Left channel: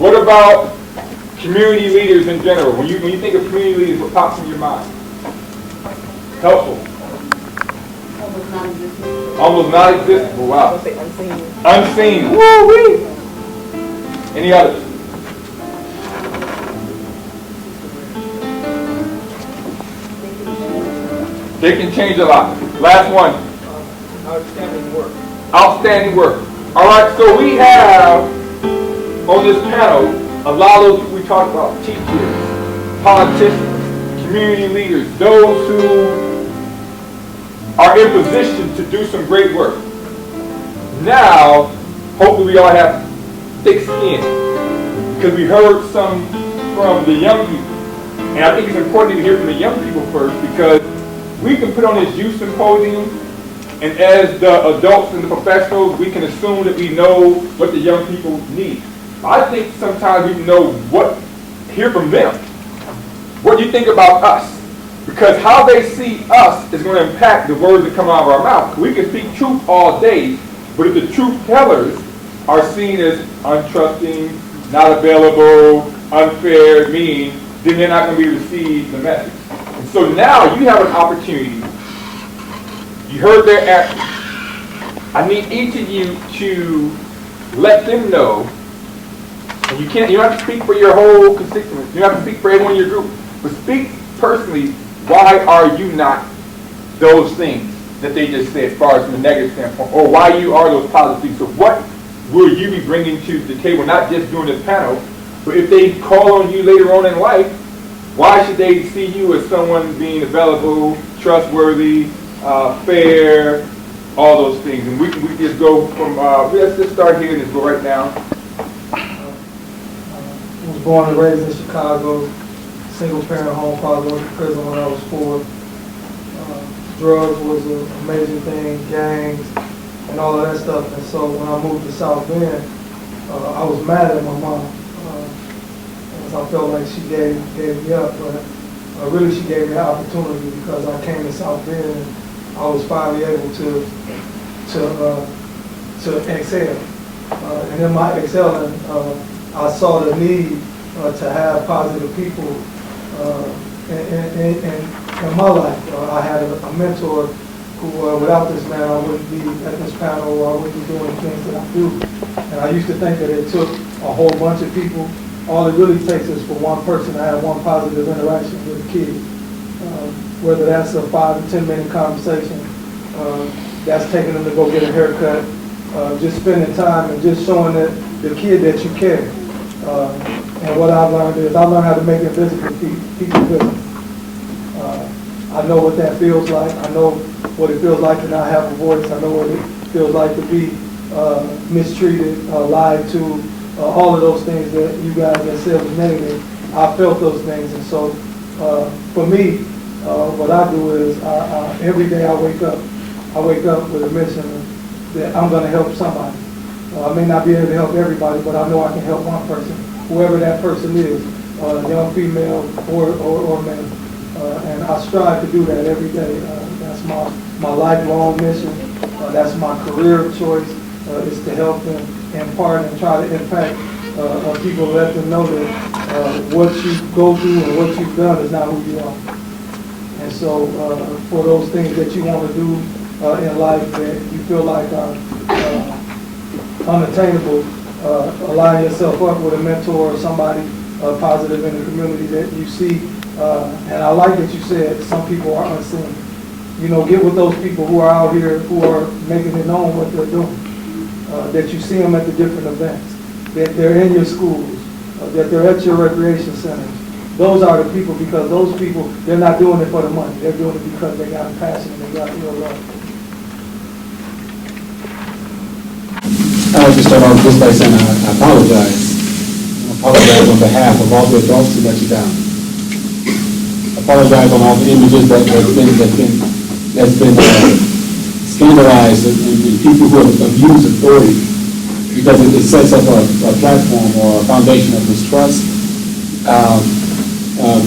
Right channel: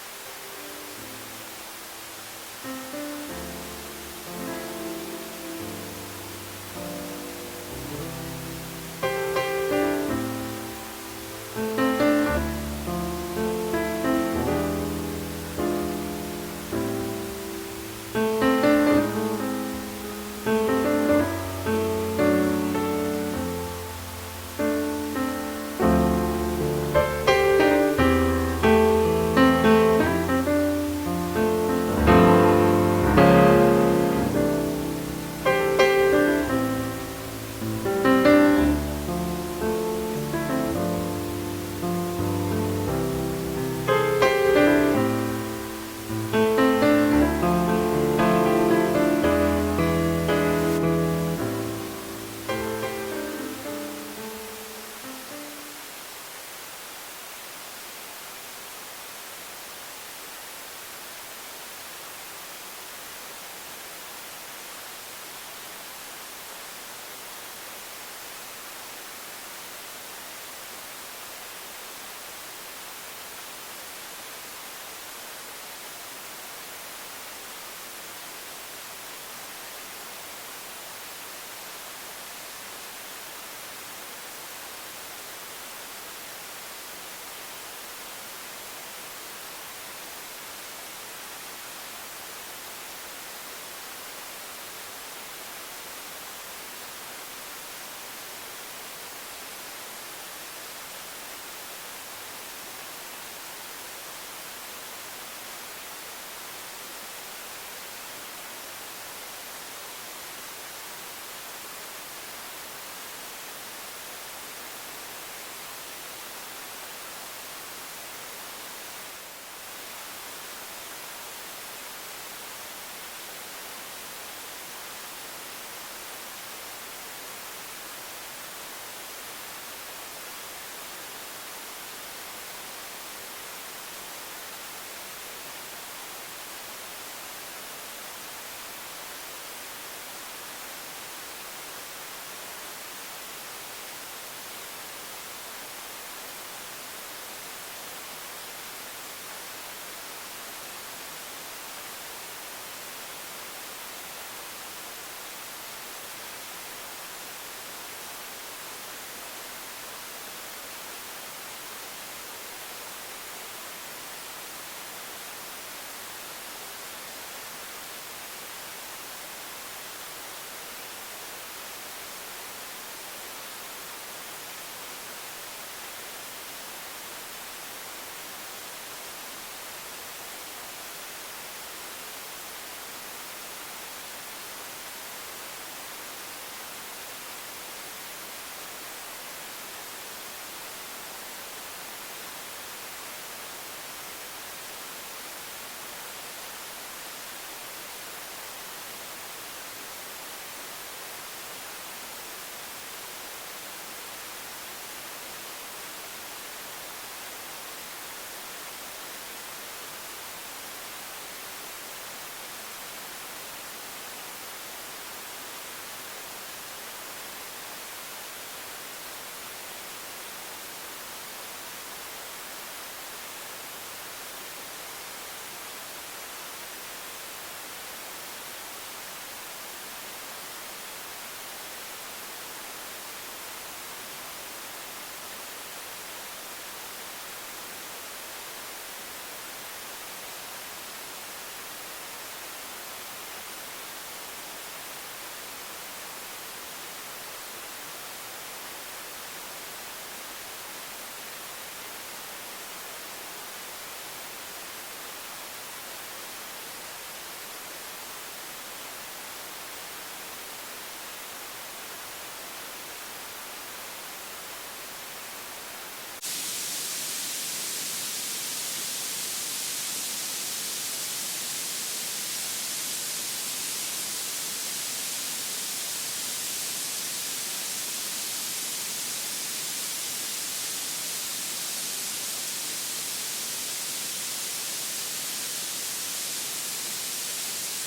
What about community leaders in general? When you think of community leaders, what pops in your mind? Helpful. Almost non-existent. Wow. Unseen. Woo-wee. Any others? They can change a lot. Last one. Outstanding work. Outstanding work. All right, so we have on this panel a lot of those people we talked about: teachers, politicians, community leaders, those who are in position to do some great work. Now, hopefully we all have thick skin, because we heard some from the young people. And I think it's important to hear from the young people first, because we can put on this youth symposium, and as the adults and the professionals, we can assume that we know what the young people need. I think sometimes we can know hear from them. What do you think about us? Because how they see us is going to impact the words that come out of our mouth. We can speak truth all day, but if the truth tellers are seen as untrusting, not available, unfair, mean, then they're not going to be received the message. And so now you have an opportunity. You heard their actions. I need each of you to let them know, and you don't have to speak for your whole constituency. You don't have to speak for everyone in your group, but speak personally. Why are you not those things that they just said, as far as from a negative standpoint, or why you are those positive things? So what will you be bringing to the table, not just during this panel, but if they call on you later on in life, why should they see you as someone being available, trustworthy, fair, all those things? And we just go from, let's just start here and just go right down. I was born and raised in Chicago, single-parent home, father went to prison when I was 4. Drugs was an amazing thing, gangs, and all of that stuff. And so when I moved to South Bend, I was mad at my mom. I felt like she gave me up, but really she gave me an opportunity, because I came to South Bend and I was finally able to excel. And in my excelling, I saw the need to have positive people in my life. I had a mentor who, without this man, I wouldn't be at this panel, or I wouldn't be doing the things that I do. And I used to think that it took a whole bunch of people. All it really takes is for one person to have one positive interaction with a kid. Whether that's a 5 to 10 minute conversation, that's taking them to go get a haircut, just spending time and just showing the kid that you care. And what I've learned is I learned how to make invisible people visible. I know what that feels like. I know what it feels like to not have a voice. I know what it feels like to be mistreated, lied to, all of those things that you guys have said was negative. I felt those things. And so for me, what I do is every day I wake up with a mission that I'm going to help somebody. I may not be able to help everybody, but I know I can help one person, whoever that person is, young female or man. And I strive to do that every day. That's my lifelong mission. That's my career choice, is to help them impart and try to impact people, let them know that what you go through and what you've done is not who you are. And so for those things that you want to do in life that you feel like are unattainable, align yourself up with a mentor or somebody positive in the community that you see. And I like that you said some people are unseen. You know, get with those people who are out here, who are making it known what they're doing. That you see them at the different events, that they're in your schools, that they're at your recreation centers. Those are the people, because those people, they're not doing it for the money. They're doing it because they got a passion and they got real love. I would just start off just by saying I apologize. I apologize on behalf of all the adults who let you down. I apologize on all the images that's been scandalized and people who have abused authority, because it sets up a platform or a foundation of mistrust.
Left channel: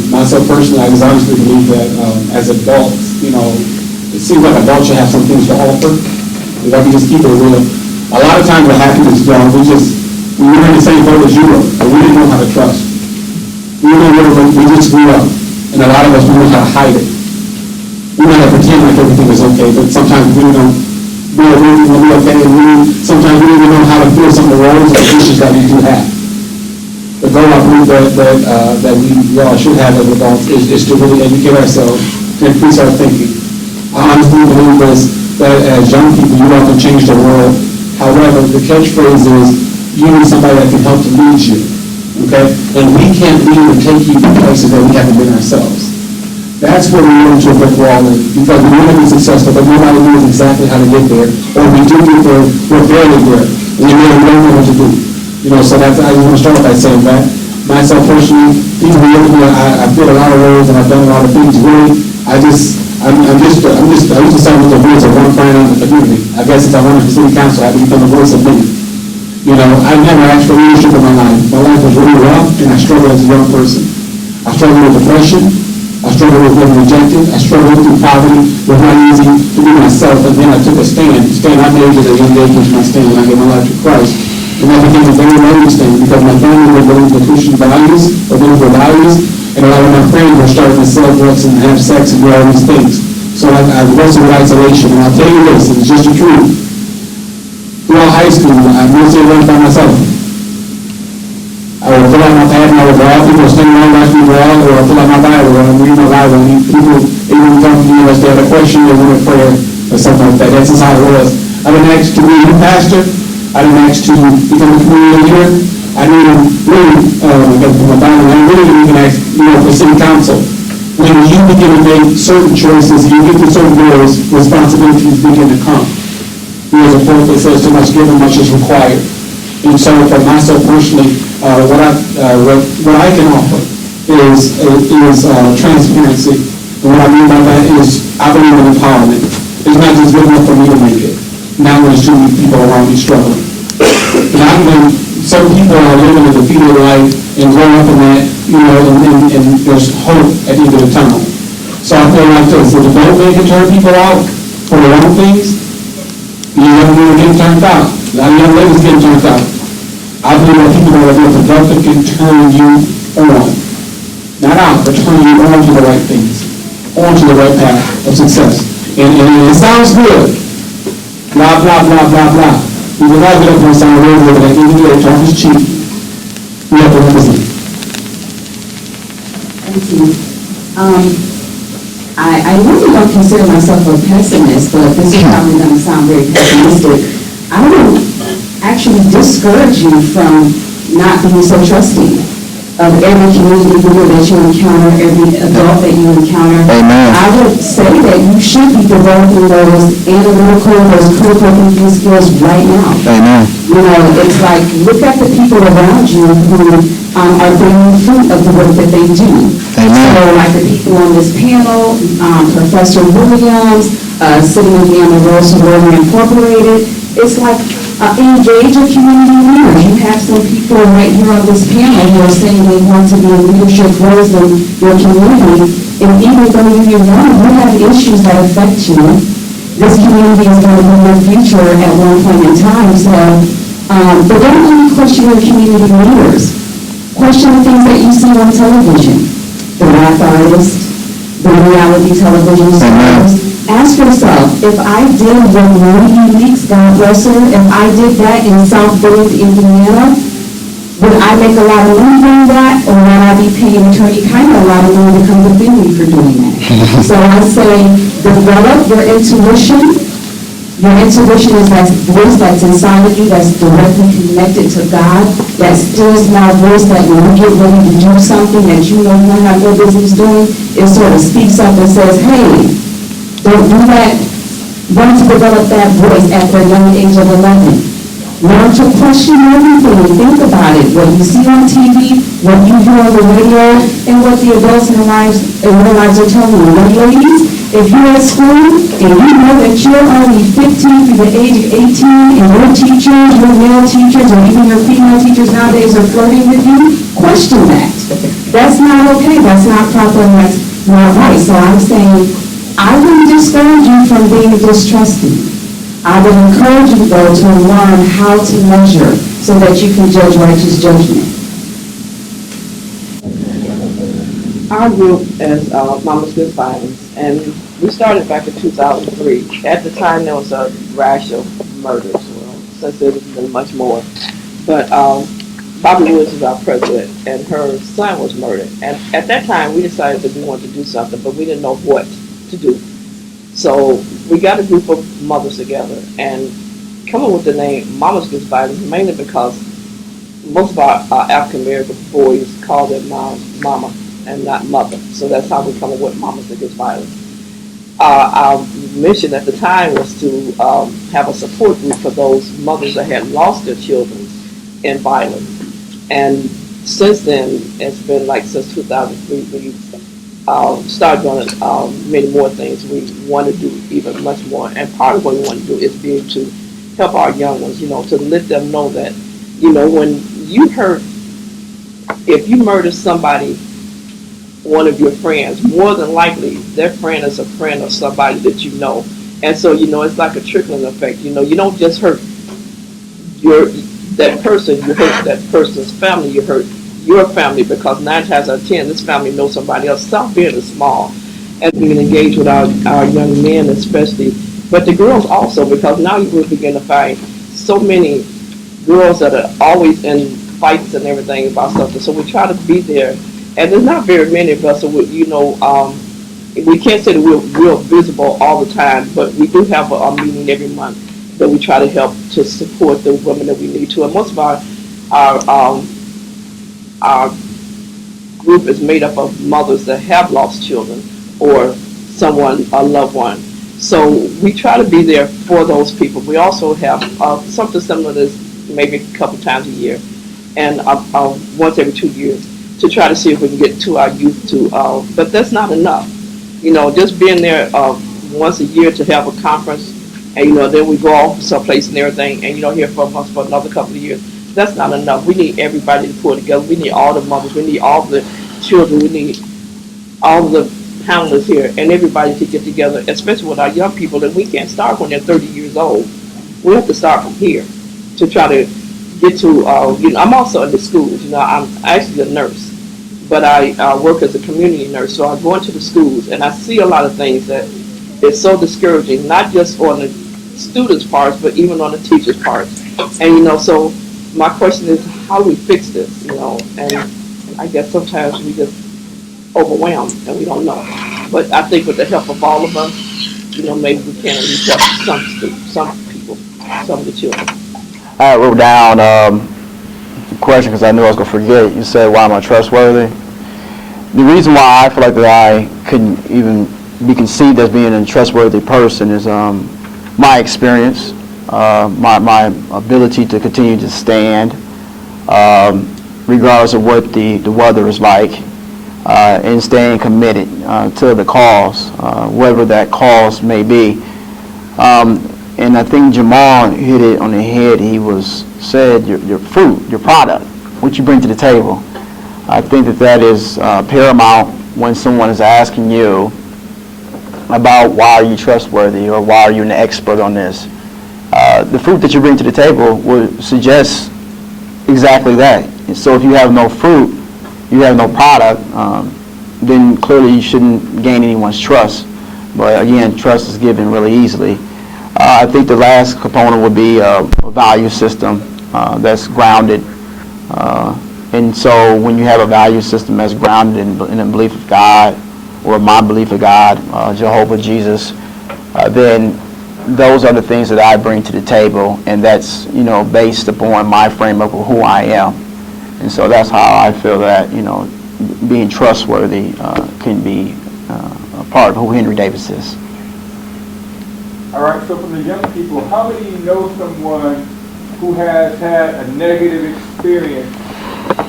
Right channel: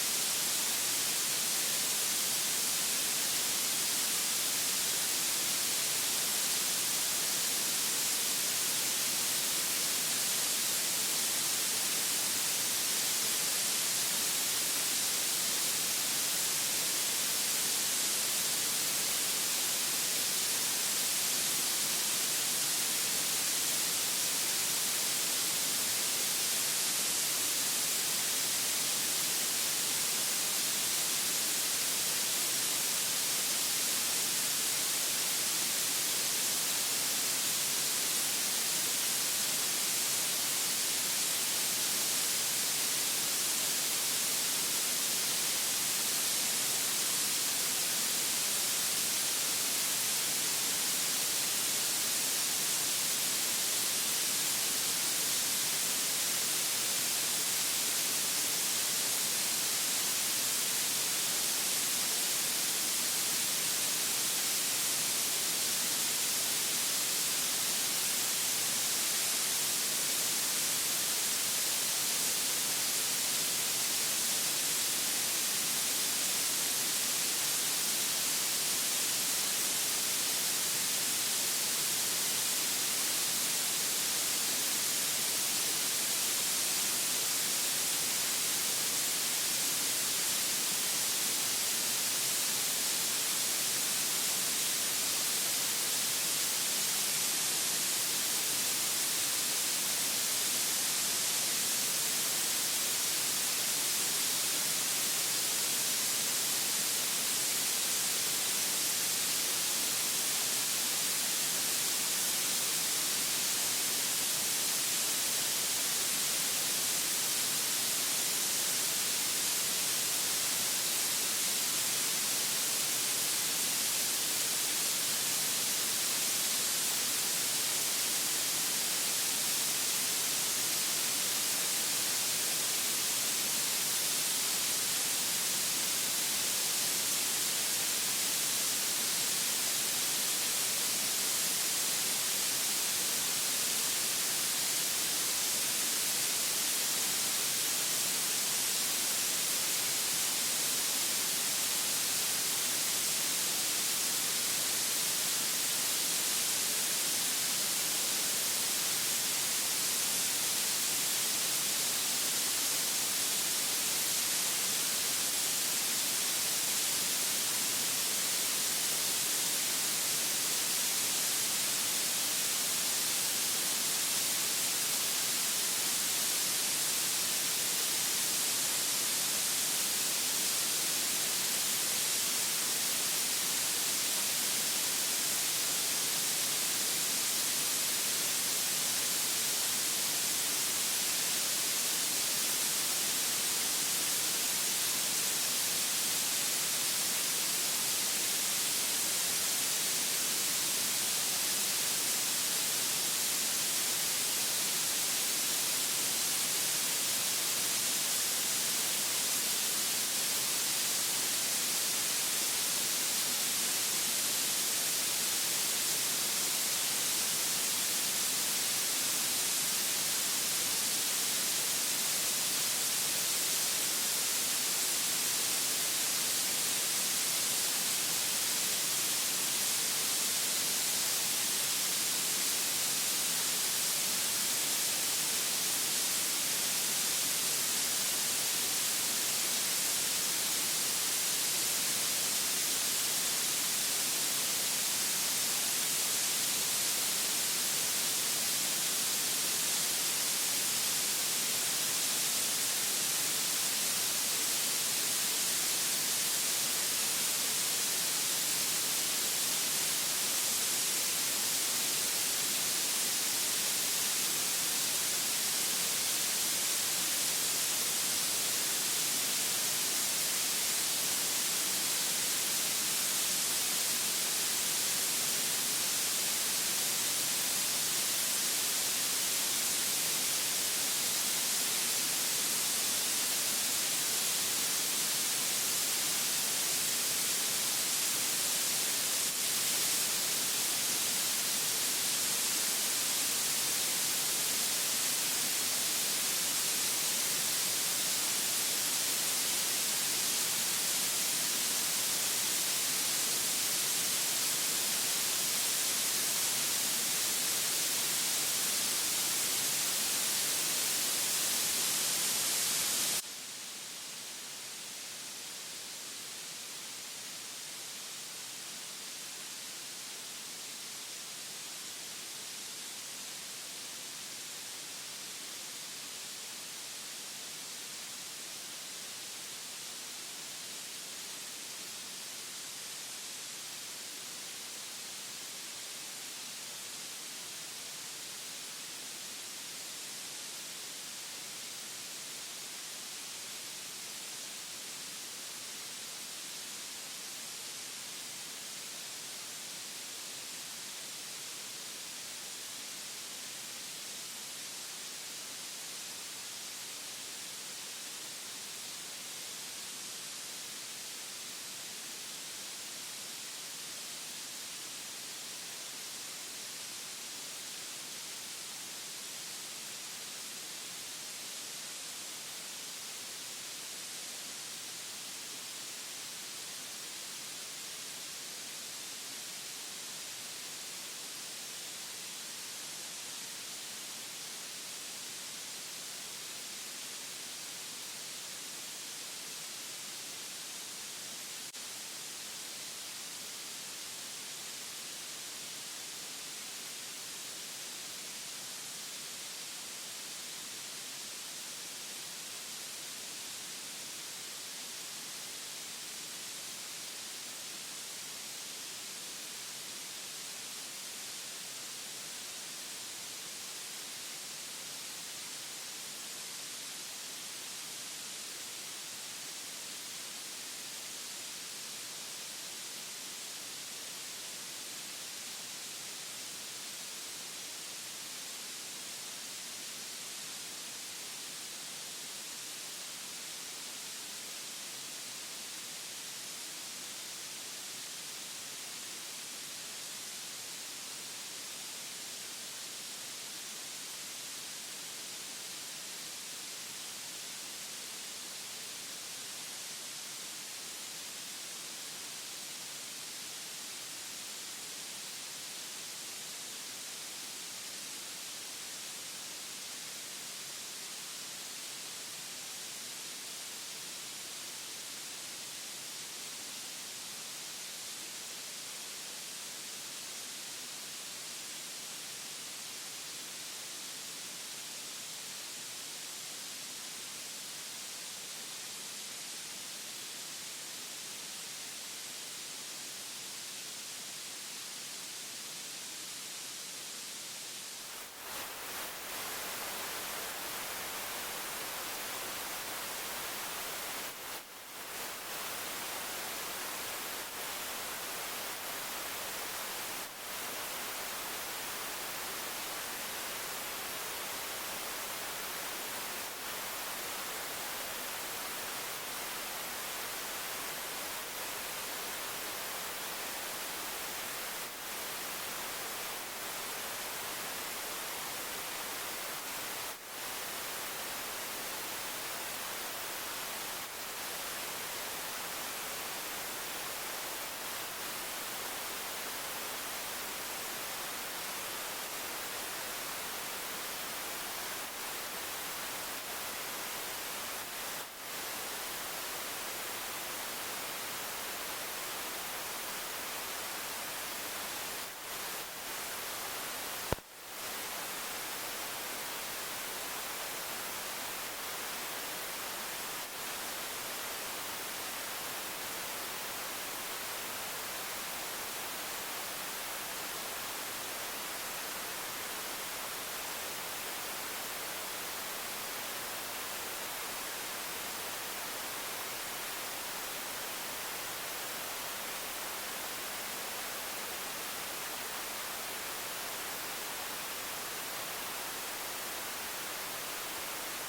Myself personally, I just honestly believe that as adults, you know, it seems like adults should have some things to offer. If I can just keep it real. A lot of times what happens is, we're in the same boat as you were, but we didn't know how to trust. We just grew up, and a lot of us, we know how to hide it. We know how to pretend like everything is okay, but sometimes we don't know everything will be okay, and sometimes we don't even know how to feel some of the roles and issues that we do have. The goal I believe that we all should have as adults is to really educate ourselves, to increase our thinking. I honestly believe that as young people, you all can change the world. However, the catchphrase is, you need somebody that can help to lead you, okay? And we can't lead or take you to places that we haven't been ourselves. That's where we run into a brick wall, because we want to be successful, but nobody knows exactly how to get there. Or we do get there, we're barely there, and we don't know what to do. You know, so that's, I just want to start by saying that. Myself personally, people who look at me, I feel a lot of roles and I've done a lot of things. Really, I used to sound with the voice of one friend in the community. I guess since I went to city council, I become the voice of many. You know, I never asked for leadership in my life. My life was really rough, and I struggled as a young person. I struggled with depression. I struggled with being rejected. I struggled through poverty. It was not easy to be myself, and then I took a stand. I made it at a young age was my stand when I gave my life to Christ. And that became a very lonely stand because my family were believing the Christian values, or biblical values, and a lot of my friends were starting to sell drugs and have sex and do all these things. So I wrestled with isolation, and I'll tell you this, it's just the truth. Throughout high school, I mostly learned by myself. I would fill out my pad and I would draw. People would stand around watching me draw, or I'd fill out my Bible and read my Bible. And people even come to me unless they had a question or wanted prayer or something like that. That's just how it was. I didn't ask to be a pastor. I didn't ask to become a community leader. I didn't really, my Bible, I really didn't even ask, for city council. When you begin to make certain choices, you get to certain goals, responsibilities begin to come. There's a quote that says, too much given, much is required. And so for myself personally, what I can offer is transparency. And what I mean by that is I believe in empowerment. It's not just good enough for me to make it. Now there's too many people around me struggling. And I believe some people are living a defeated life and growing up in that, and there's hope at the end of the tunnel. So I feel like this, if the government can turn people out for their own things, you never know getting turned out. A lot of young ladies getting turned out. I believe that people that are more productive can turn you on. Not out, but turn you on to the right things. On to the right path of success. And it sounds good. Blah, blah, blah, blah, blah. We will not get up and sound real good, but at the end of the day, talk is cheap. We have to listen. Thank you. I really don't consider myself a pessimist, but this is probably going to sound very pessimistic. I don't actually discourage you from not being so trusting of every community leader that you encounter, every adult that you encounter. Amen. I would say that you should be developing those analytical, those critical thinking skills right now. Amen. It's like, look at the people around you who are bringing fruit of the work that they do. Amen. So, like the people on this panel, Professor Williams, sitting with me on the Rose Sorority Incorporated, it's like, engage a community leader. You have some people right here on this panel who are saying they want to be in leadership roles in your community, and even though you're young, you have issues that affect you. This community is going to be your future at one point in time, so, but don't only question your community leaders. Question the things that you see on television, the rap artists, the reality television stars. Ask yourself, if I did what Mymovies Leaks, God bless her, if I did that in South Bend, Indiana, would I make a lot of money doing that, or would I be paying attorney kind of a lot of money to come defend me for doing that? So I say, develop your intuition. Your intuition is that voice that's inside of you that's directly connected to God, that still small voice that when you get ready to do something that you know you don't have no business doing, it sort of speaks up and says, hey, don't do that. Learn to develop that voice at the young age of 11. Learn to question everything and think about it. What you see on TV, what you hear on the radio, and what the adults in their lives are telling you. Young ladies, if you're at school and you know that you're only 15 through the age of 18 and your teachers, your male teachers, or even your female teachers nowadays are flirting with you, question that. That's not okay. That's not proper. And that's not right. So I'm saying, I wouldn't discourage you from being distrusting. I would encourage you, though, to learn how to measure so that you can judge righteous judgment. Our group is Mama's Good Violence, and we started back in 2003. At the time, there was a rash of murders. Well, since then, there's been much more. But Bobby Woods is our president, and her son was murdered. And at that time, we decided that we wanted to do something, but we didn't know what to do. So we got a group of mothers together and come up with the name Mama's Good Violence, mainly because most of our African American boys call their mom mama and not mother. So that's how we come up with Mama's Against Violence. Our mission at the time was to have a support group for those mothers that had lost their children in violence. And since then, it's been like since 2003, we started doing many more things. We want to do even much more. And part of what we want to do is be able to help our young ones, to let them know that, when you hurt, if you murder somebody, one of your friends, more than likely their friend is a friend of somebody that you know. And so, it's like a trickling effect. You don't just hurt that person, you hurt that person's family, you hurt your family, because 9 times out of 10, this family knows somebody else. Stop being small and we can engage with our young men especially, but the girls also, because now you will begin to find so many girls that are always in fights and everything about something. So we try to be there. And there's not very many of us, so we can't say that we're real visible all the time, but we do have a meeting every month that we try to help to support the women that we need to. And most of our group is made up of mothers that have lost children or someone, a loved one. So we try to be there for those people. We also have something similar to this maybe a couple times a year and once every 2 years to try to see if we can get to our youth too. But that's not enough. Just being there once a year to have a conference and, then we go off someplace and everything and you don't hear from us for another couple of years. That's not enough. We need everybody to pull together. We need all the mothers. We need all the children. We need all the panelists here and everybody to get together, especially with our young people. And we can't start when they're 30 years old. We have to start from here to try to get to, I'm also in the schools. I'm actually a nurse, but I work as a community nurse. So I go into the schools and I see a lot of things that is so discouraging, not just on the students' parts, but even on the teachers' parts. And, so my question is, how do we fix this, And I guess sometimes we just overwhelmed and we don't know. But I think with the help of all of us, maybe we can at least help some people, some of the children. I wrote down a question because I knew I was going to forget. You said, why am I trustworthy? The reason why I feel like that I couldn't even be conceived as being a trustworthy person is my experience, my ability to continue to stand regardless of what the weather is like, and staying committed to the cause, whatever that cause may be. And I think Jamal hit it on the head. He said your fruit, your product, what you bring to the table. I think that is paramount when someone is asking you about why are you trustworthy or why are you an expert on this. The fruit that you bring to the table will suggest exactly that. And so if you have no fruit, you have no product, then clearly you shouldn't gain anyone's trust. But again, trust is given really easily. I think the last component would be a value system that's grounded. And so when you have a value system that's grounded in a belief of God, or my belief of God, Jehovah, Jesus, then those are the things that I bring to the table, and that's, based upon my framework of who I am. And so that's how I feel that, being trustworthy can be a part of who Henry Davis is. All right, so from the young people, how many know someone who has had a negative experience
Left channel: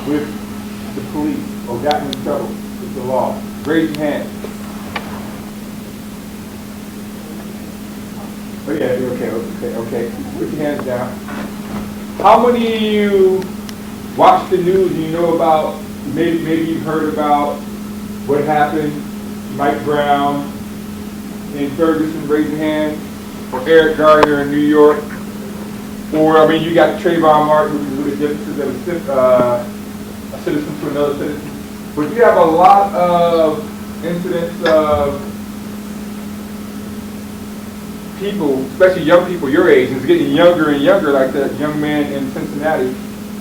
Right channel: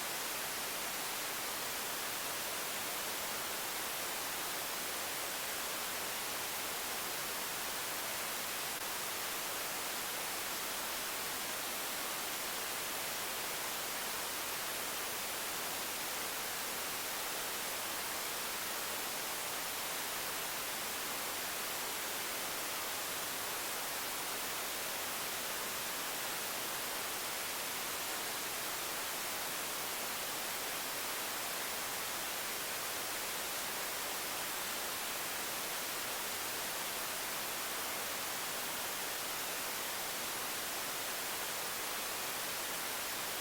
with the police or gotten in trouble with the law? Raise your hand. Oh yeah, okay. Put your hands down. How many of you watch the news and you know about, maybe you've heard about what happened, Mike Brown in Ferguson, raise your hand, or Eric Garner in New York, or, you got Trayvon Martin, who was the differences of a citizen to another citizen. But you have a lot of incidents of people, especially young people your age, it's getting younger and younger, like that young man in Cincinnati,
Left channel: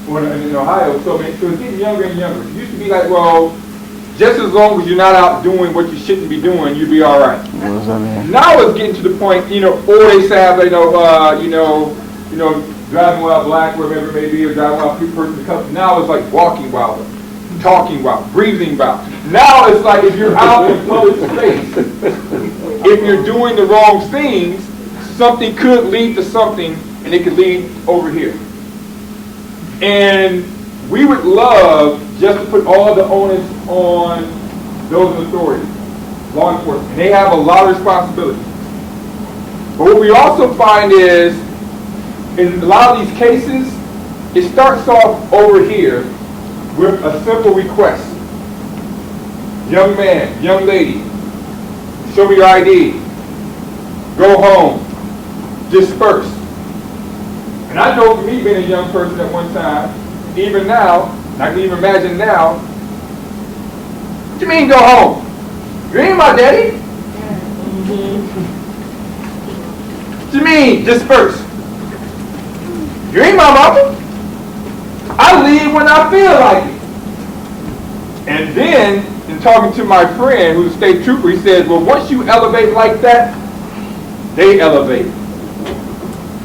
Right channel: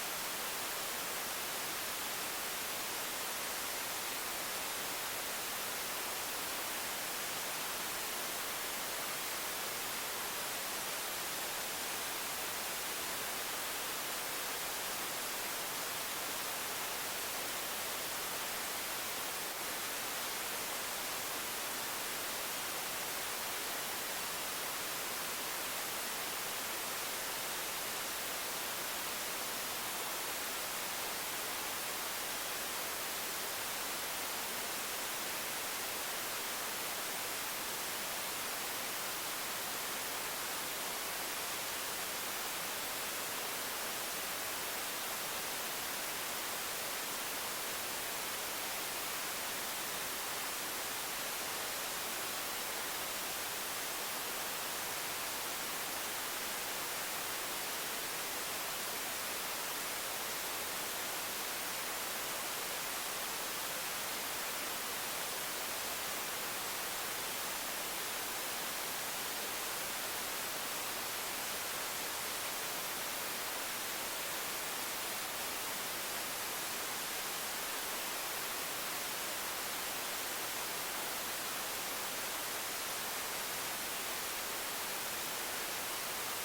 or in Ohio. So it's getting younger and younger. It used to be like, well, just as long as you're not out doing what you shouldn't be doing, you'll be all right. Now it's getting to the point, or they say, driving while black, whatever it may be, or driving while person of color. Now it's like walking while, talking while, breathing while. Now it's like if you're out in public space, if you're doing the wrong things, something could lead to something, and it could lead over here. And we would love just to put all the onus on those in authority, law enforcement. And they have a lot of responsibility. But what we also find is, in a lot of these cases, it starts off over here with a simple request. Young man, young lady, show me your ID. Go home. Disperse. And I know for me being a young person at one time, even now, I can even imagine now, what do you mean go home? You ain't my daddy? What do you mean disperse? You ain't my mama? I leave when I feel like it. And then, in talking to my friend who's a state trooper, he says, well, once you elevate like that, they elevate.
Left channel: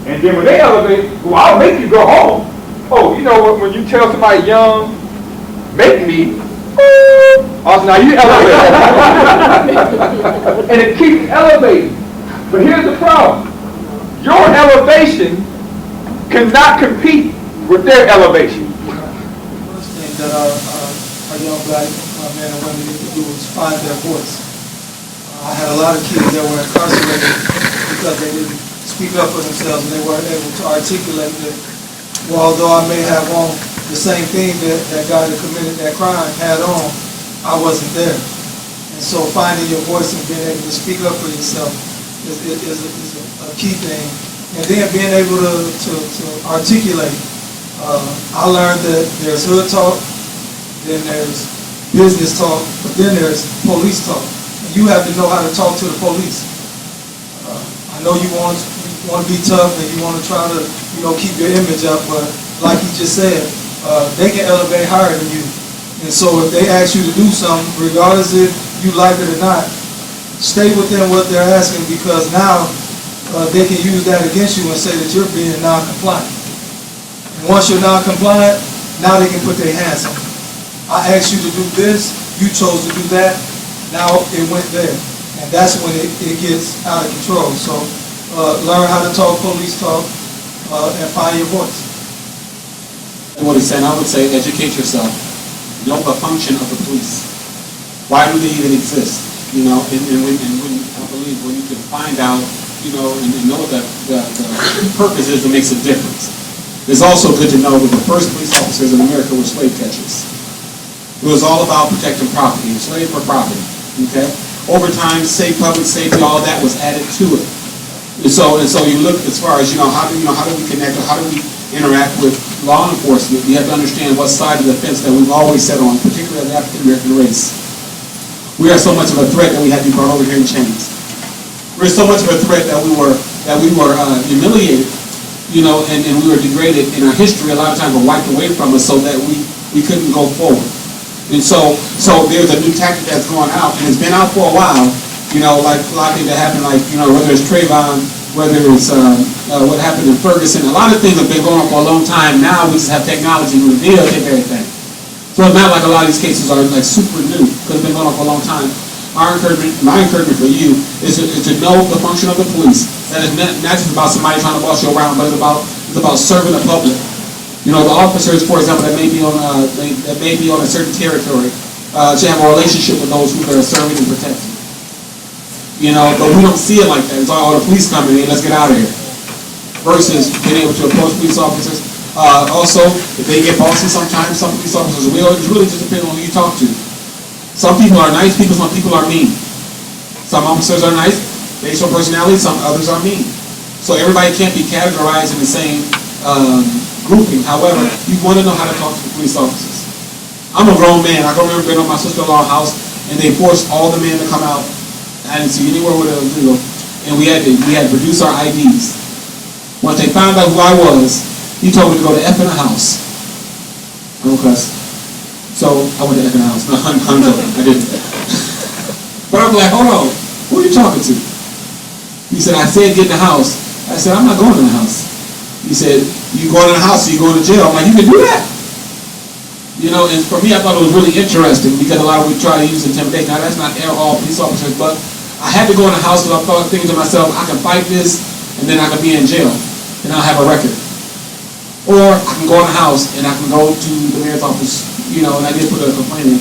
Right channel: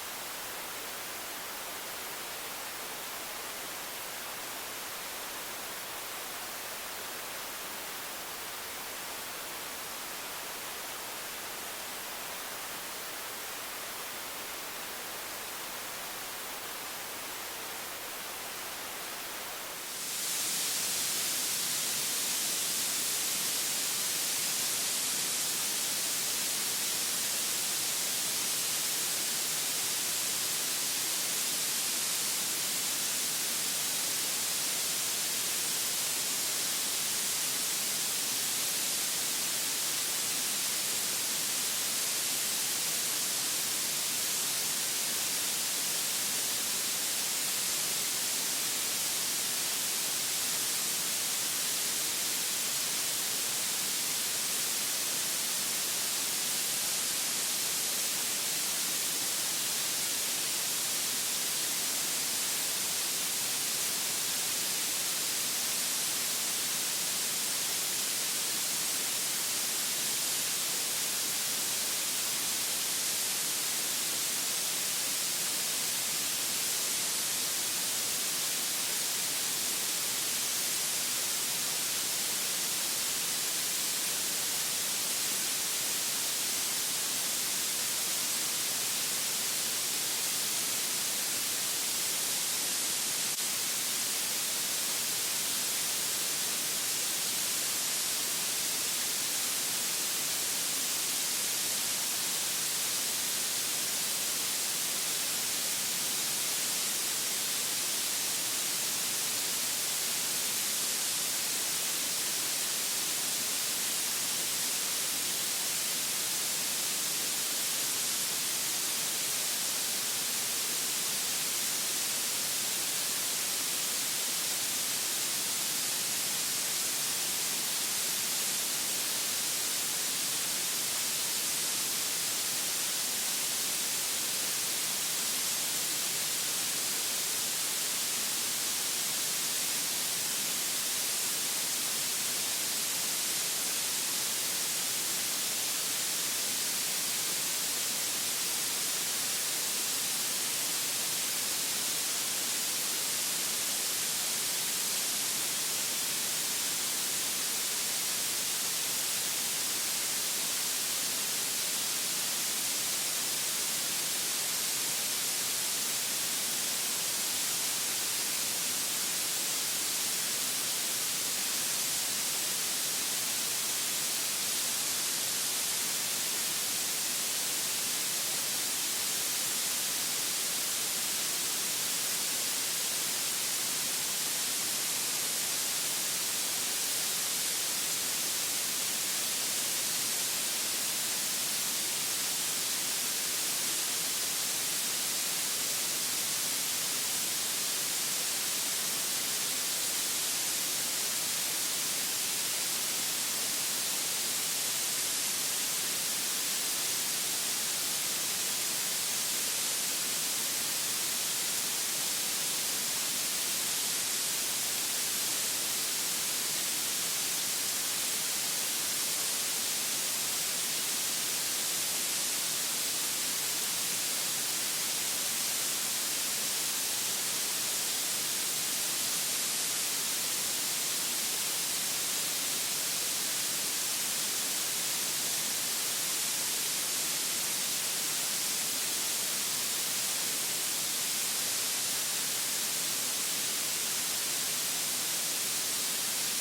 And then when they elevate, well, I'll make you go home. Oh, you know what, when you tell somebody young, make me, also now you elevate. And it keeps elevating. But here's the problem. Your elevation cannot compete with their elevation. First thing that our young black men and women need to do is find their voice. I had a lot of kids that were incarcerated because they didn't speak up for themselves and they weren't able to articulate that, well, although I may have on the same thing that guy that committed that crime had on, I wasn't there. And so finding your voice and being able to speak up for yourself is a key thing. And then being able to articulate. I learned that there's hood talk, then there's business talk, but then there's police talk. And you have to know how to talk to the police. I know you want to be tough and you want to try to, keep your image up, but like he just said, they can elevate higher than you. And so if they ask you to do something, regardless if you like it or not, stay within what they're asking, because now they can use that against you and say that you're being non-compliant. And once you're non-compliant, now they can put their hands on you. I asked you to do this, you chose to do that, now it went there. And that's when it gets out of control. So learn how to talk police talk and find your voice. What he's saying, I would say educate yourself. Know the function of the police. Why do they even exist? And when I believe when you can find out, and know that the purpose is that makes a difference. It's also good to know that the first police officers in America were slave catchers. It was all about protecting property, slave for property. Okay? Over time, public safety, all of that was added to it. And so you look as far as how do we connect, or how do we interact with law enforcement? You have to understand what side of the fence that we've always set on, particularly the African American race. We are so much of a threat that we had to be brought over here in chains. We're so much of a threat that we were humiliated, and we were degraded in our history. A lot of times were wiped away from us so that we couldn't go forward. And so there's a new tactic that's going out, and it's been out for a while. Like a lot of things that happen, whether it's Trayvon, whether it's what happened in Ferguson. A lot of things have been going on for a long time. Now we just have technology to reveal everything. So it's not like a lot of these cases are like super new, because it's been going on for a long time. My encouragement for you is to know the function of the police. That is not just about somebody trying to boss you around, but it's about serving the public. The officers, for example, that may be on a certain territory, should have a relationship with those who they're serving and protecting. But we don't see it like that. It's all the police coming in, let's get out of here. Versus being able to approach police officers. Also, if they get bossy sometimes, some police officers will. It really just depends on who you talk to. Some people are nice people, some people are mean. Some officers are nice, based on personality, some others are mean. So everybody can't be categorized in the same grouping. However, you want to know how to talk to the police officers. I'm a grown man. I can remember being on my sister-in-law's house, and they forced all the men to come out. I didn't see anywhere where they were, and we had to produce our IDs. Once they found out who I was, he told me to go to F in the house. I don't cuss. So I went to F in the house. No, I'm joking. I didn't. But I'm like, hold on. Who are you talking to? He said, I said get in the house. I said, I'm not going in the house. He said, you going in the house or you going to jail? I'm like, you can do that. You know, and for me, I thought it was really interesting because a lot of we try to use intimidation. Now, that's not all police officers, but I had to go in the house because I thought thinking to myself, I can fight this and then I can be in jail and I'll have a record. Or I can go in the house and I can go to the mayor's office, you know, and I did put a complaint in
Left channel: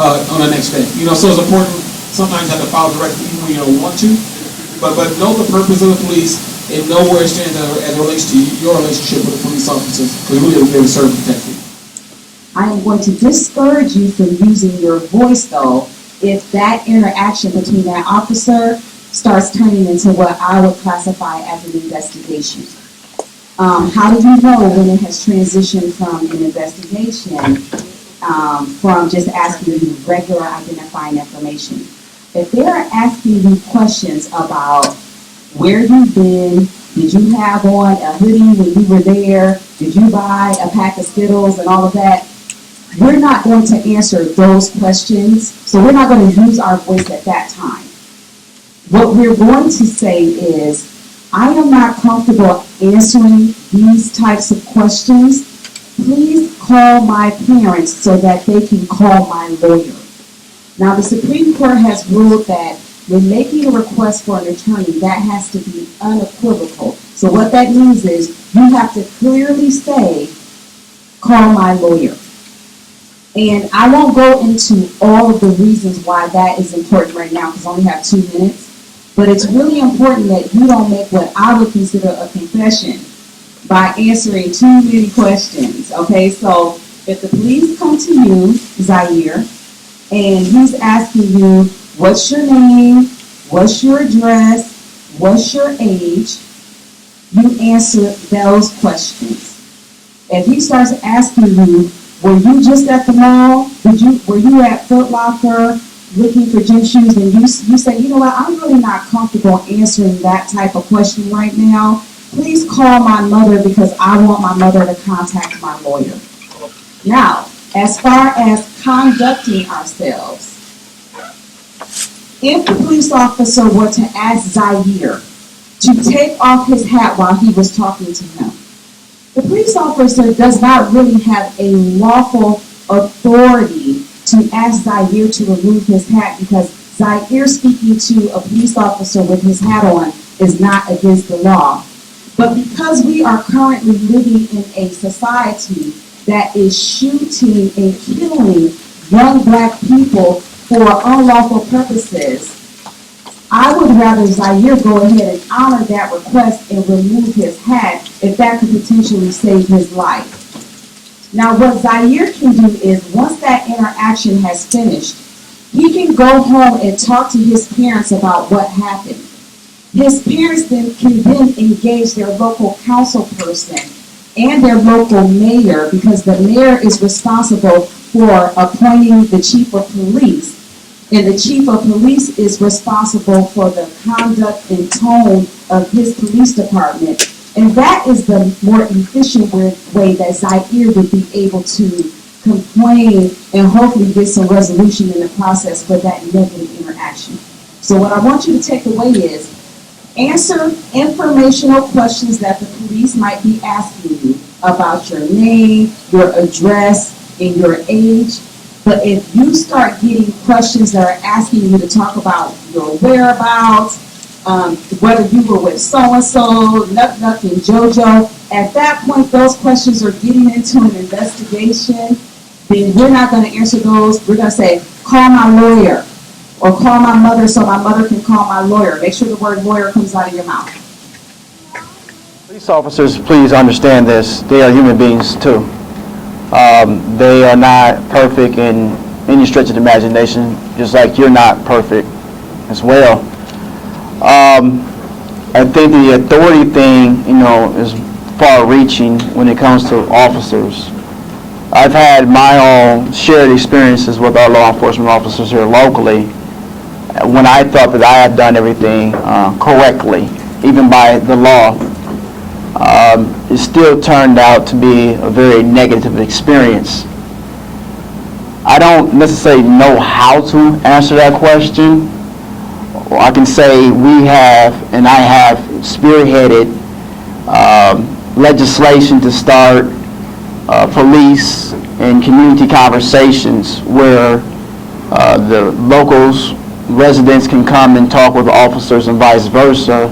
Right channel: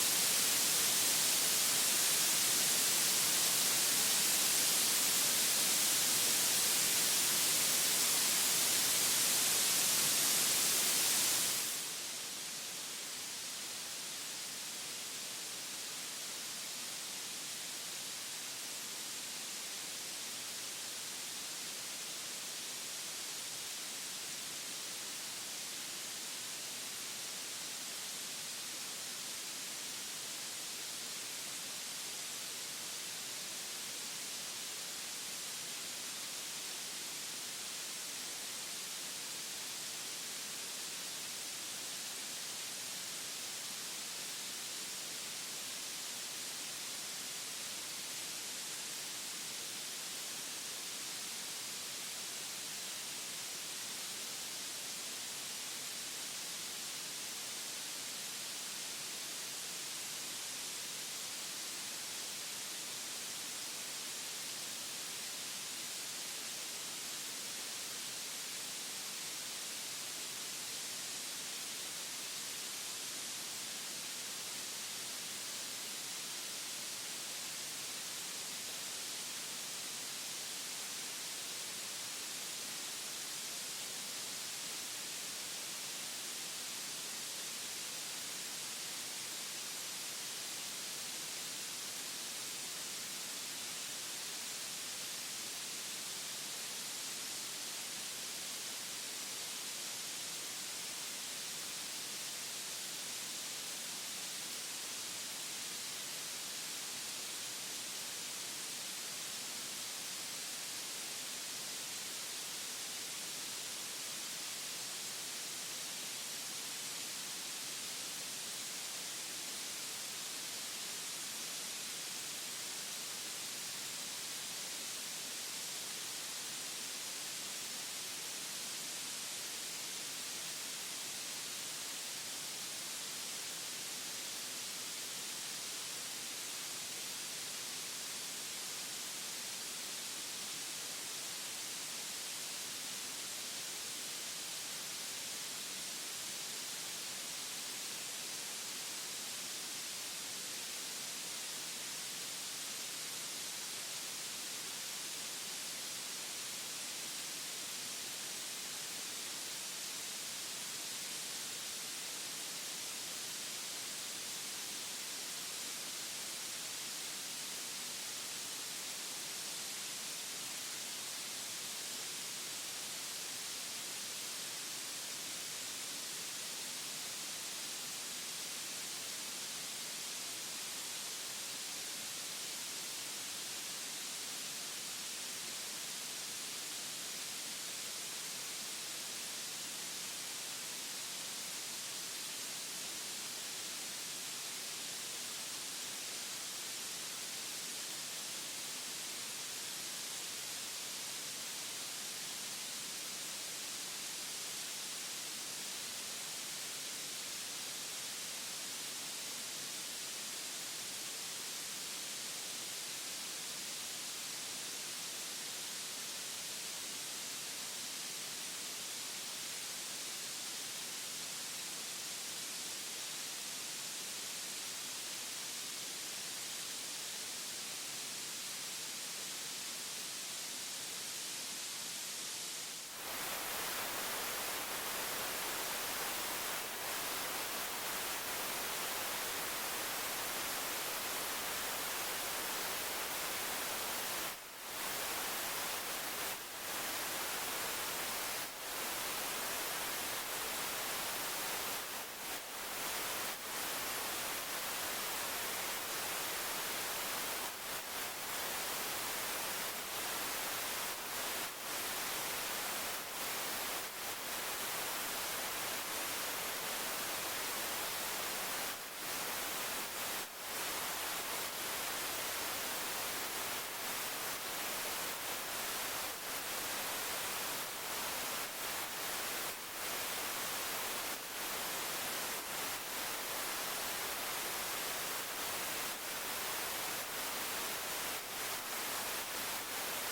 on the next day. You know, so it's important. Sometimes you have to file directly even when you don't want to. But know the purpose of the police and know where it stands as it relates to your relationship with the police officers, because we're there to serve and protect you. I am going to discourage you from using your voice, though, if that interaction between that officer starts turning into what I would classify as an investigation. How do you know when it has transitioned from an investigation from just asking you regular identifying information? If they are asking you questions about where you've been, did you have on a hoodie when you were there, did you buy a pack of Skittles and all of that, we're not going to answer those questions, so we're not going to use our voice at that time. What we're going to say is, I am not comfortable answering these types of questions. Please call my parents so that they can call my lawyer. Now, the Supreme Court has ruled that when making a request for an attorney, that has to be unequivocal. So what that means is you have to clearly say, call my lawyer. And I won't go into all of the reasons why that is important right now because I only have 2 minutes. But it's really important that you don't make what I would consider a confession by answering too many questions. Okay, so if the police come to you, Zaire, and he's asking you, what's your name, what's your address, what's your age, you answer those questions. If he starts asking you, were you just at the mall? Were you at Foot Locker looking for gym shoes? And you say, you know what, I'm really not comfortable answering that type of question right now. Please call my mother because I want my mother to contact my lawyer. Now, as far as conducting ourselves, if the police officer were to ask Zaire to take off his hat while he was talking to him, the police officer does not really have a lawful authority to ask Zaire to remove his hat because Zaire speaking to a police officer with his hat on is not against the law. But because we are currently living in a society that is shooting and killing young black people for unlawful purposes, I would rather Zaire go ahead and honor that request and remove his hat if that could potentially save his life. Now, what Zaire can do is, once that interaction has finished, he can go home and talk to his parents about what happened. His parents then can engage their local council person and their local mayor, because the mayor is responsible for appointing the chief of police. And the chief of police is responsible for the conduct and tone of his police department. And that is the more efficient way that Zaire would be able to complain and hopefully get some resolution in the process for that negative interaction. So what I want you to take away is, answer informational questions that the police might be asking you about your name, your address, and your age. But if you start getting questions that are asking you to talk about your whereabouts, whether you were with so-and-so, Nuck and JoJo, at that point, those questions are getting into an investigation, then we're not going to answer those. We're going to say, call my lawyer, or call my mother so my mother can call my lawyer. Make sure the word lawyer comes out of your mouth. Police officers, please understand this. They are human beings, too. They are not perfect in any stretch of the imagination, just like you're not perfect as well. I think the authority thing, is far-reaching when it comes to officers. I've had my own shared experiences with our law enforcement officers here locally when I thought that I had done everything correctly, even by the law. It still turned out to be a very negative experience. I don't necessarily know how to answer that question. I can say we have, and I have spearheaded legislation to start police and community conversations where the locals, residents can come and talk with officers and vice versa,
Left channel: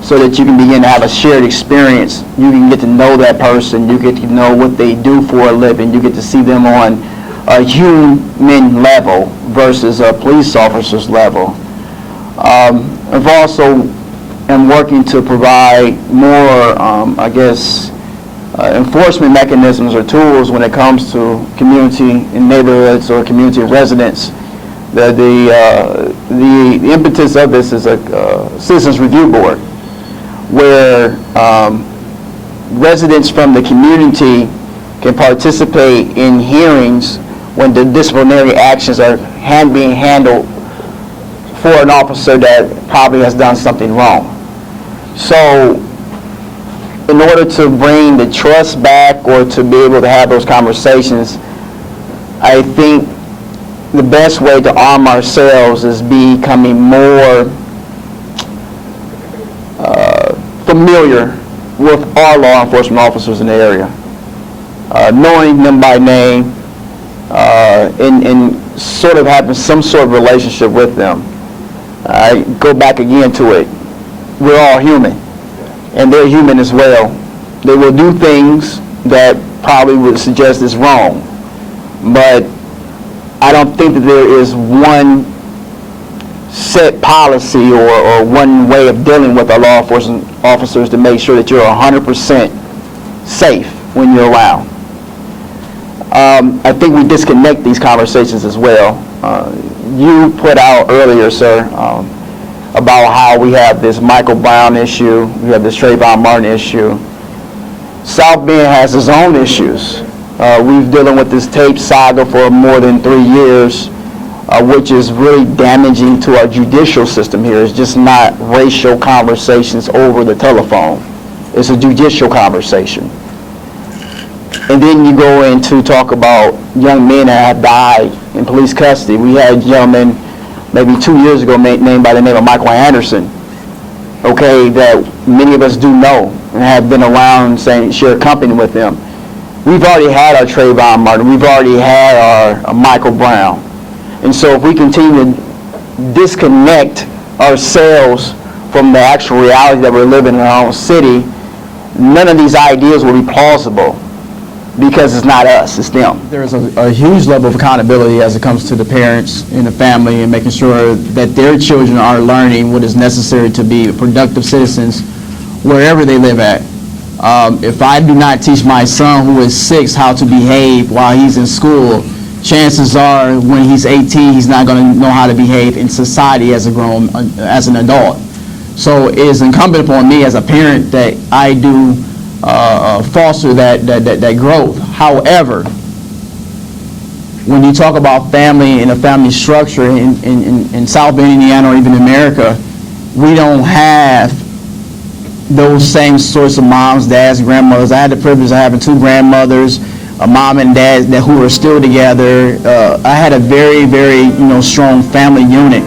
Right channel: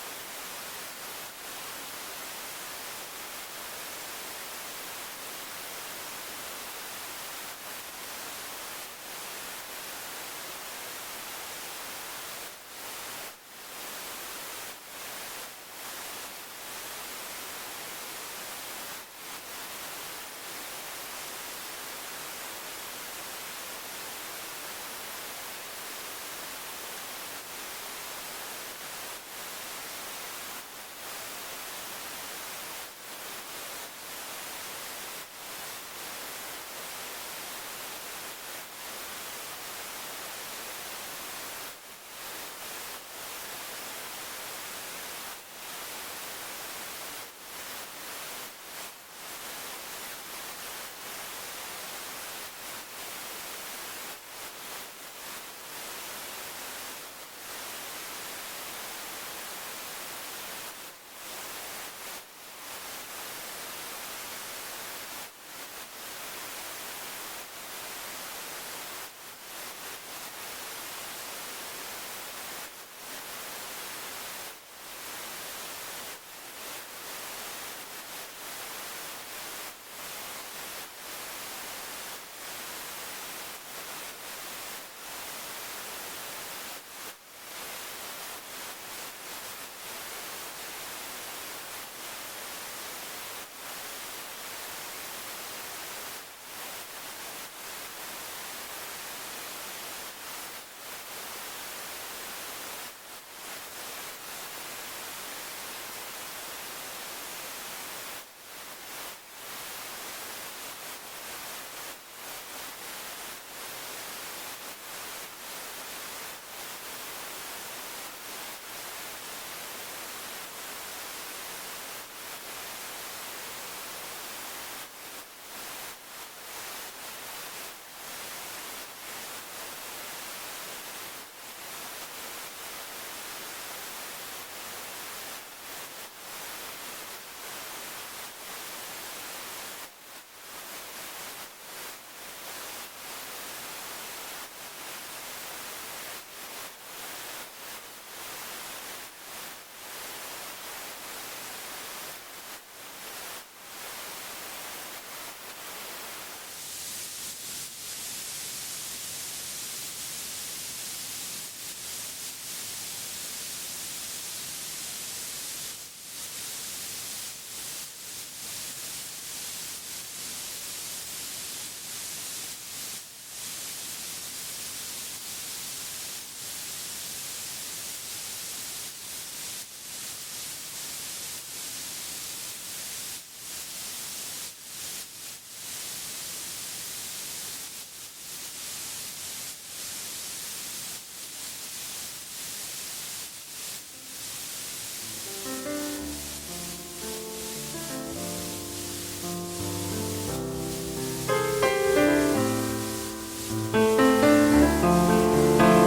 so that you can begin to have a shared experience. You can get to know that person, you get to know what they do for a living, you get to see them on a human level versus a police officer's level. I've also am working to provide more, enforcement mechanisms or tools when it comes to community and neighborhoods or community residents. The impetus of this is a Citizens Review Board, where residents from the community can participate in hearings when the disciplinary actions are being handled for an officer that probably has done something wrong. So in order to bring the trust back or to be able to have those conversations, I think the best way to arm ourselves is becoming more familiar with our law enforcement officers in the area, knowing them by name, and sort of having some sort of relationship with them. I go back again to it. We're all human, and they're human as well. They will do things that probably would suggest it's wrong, but I don't think that there is one set policy or one way of dealing with our law enforcement officers to make sure that you're 100% safe when you're around. I think we disconnect these conversations as well. You put out earlier, sir, about how we have this Michael Brown issue, we have this Trayvon Martin issue. South Bend has its own issues. We've dealing with this tape saga for more than 3 years, which is really damaging to our judicial system here. It's just not racial conversations over the telephone. It's a judicial conversation. And then you go in to talk about young men that have died in police custody. We had a gentleman maybe 2 years ago named by the name of Michael Anderson, okay, that many of us do know and have been around saying share company with them. We've already had our Trayvon Martin. We've already had our Michael Brown. And so if we continue to disconnect ourselves from the actual reality that we're living in our own city, none of these ideas will be plausible because it's not us, it's them. There's a huge level of accountability as it comes to the parents and the family and making sure that their children are learning what is necessary to be productive citizens wherever they live at. If I do not teach my son who is 6 how to behave while he's in school, chances are when he's 18 he's not going to know how to behave in society as an adult. So it is incumbent upon me as a parent that I do foster that growth. However, when you talk about family and a family structure in South Bend, Indiana, or even America, we don't have those same sorts of moms, dads, grandmothers. I had the privilege of having 2 grandmothers, a mom and dad who are still together. I had a very, very strong family unit.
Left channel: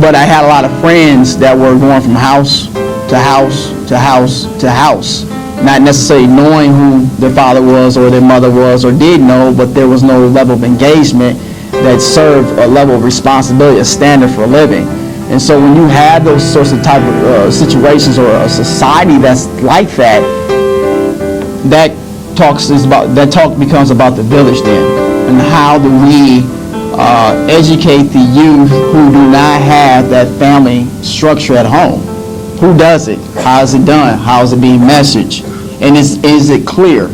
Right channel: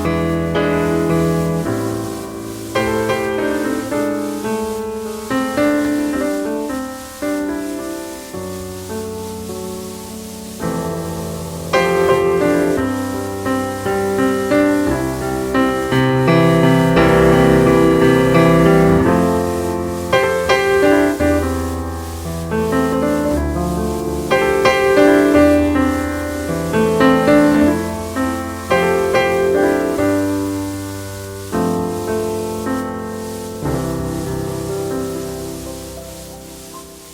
But I had a lot of friends that were going from house to house to house to house, not necessarily knowing who their father was or their mother was, or did know, but there was no level of engagement that served a level of responsibility, a standard for living. And so when you have those sorts of type of situations or a society that's like that, that talk becomes about the village then, and how do we educate the youth who do not have that family structure at home? Who does it? How is it done? How is it being messaged? And is it clear?